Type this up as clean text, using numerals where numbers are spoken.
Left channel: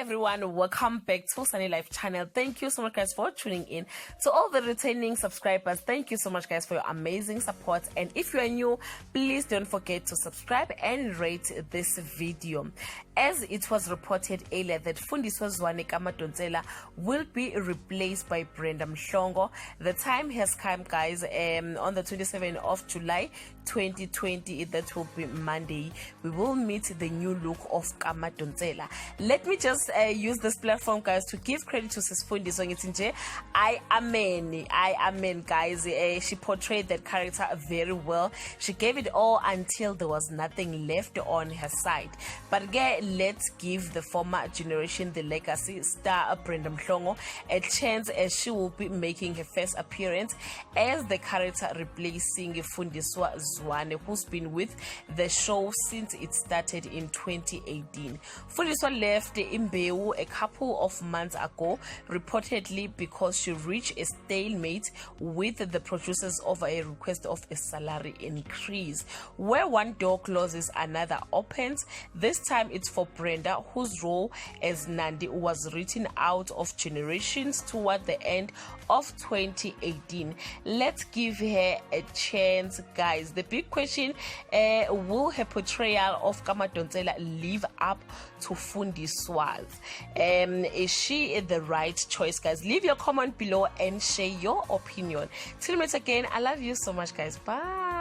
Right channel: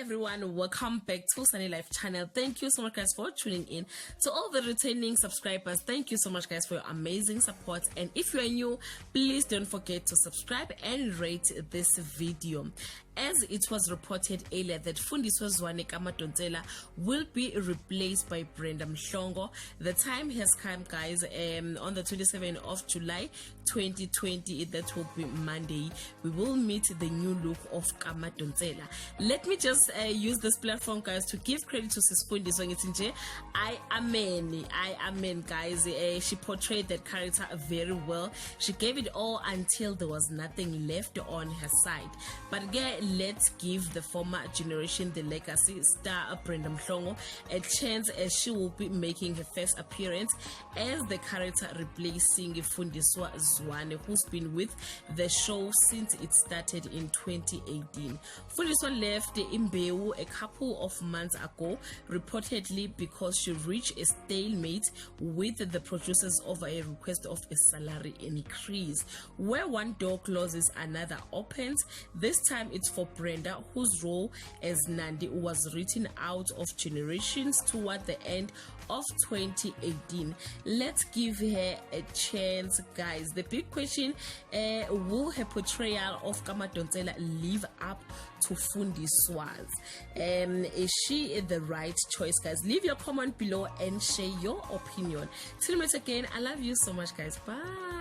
everyone, welcome back to Sunny Life channel. Thank you so much guys for tuning in. To all the returning subscribers, thank you so much guys for your amazing support, and if you are new, please don't forget to subscribe and rate this video. As it was reported earlier that Fundiswa Zwane Kamadonsela will be replaced by Brenda Mhlongo, the time has come guys. On the 27th of July 2020, that will be Monday, we will meet the new look of Kamadonsela. Let me just use this platform guys to give credit to Sis Fundiswa. I amen guys. She portrayed that character very well. She gave it all until there was nothing left on her side. But again, let's give the former generation, the legacy star Brenda Mhlongo, a chance as she will be making her first appearance as the character replacing Fundiswa Zwane, who's been with the show since it started in 2018. Fundiswa left Imbewu a couple of months ago, reportedly because she reached a stalemate with the producers over a request of a salary increase. Where one door closes, another opens. This time it's for Brenda, whose role as Nandi was written out of Generations toward the end of 2018. Let's give her a chance guys. The big question, will her portrayal of Kamadonsela live up to Fundiswa's? Is she the right choice guys? Leave your comment below and share your opinion. Till we meet again, I love you so much guys. Bye.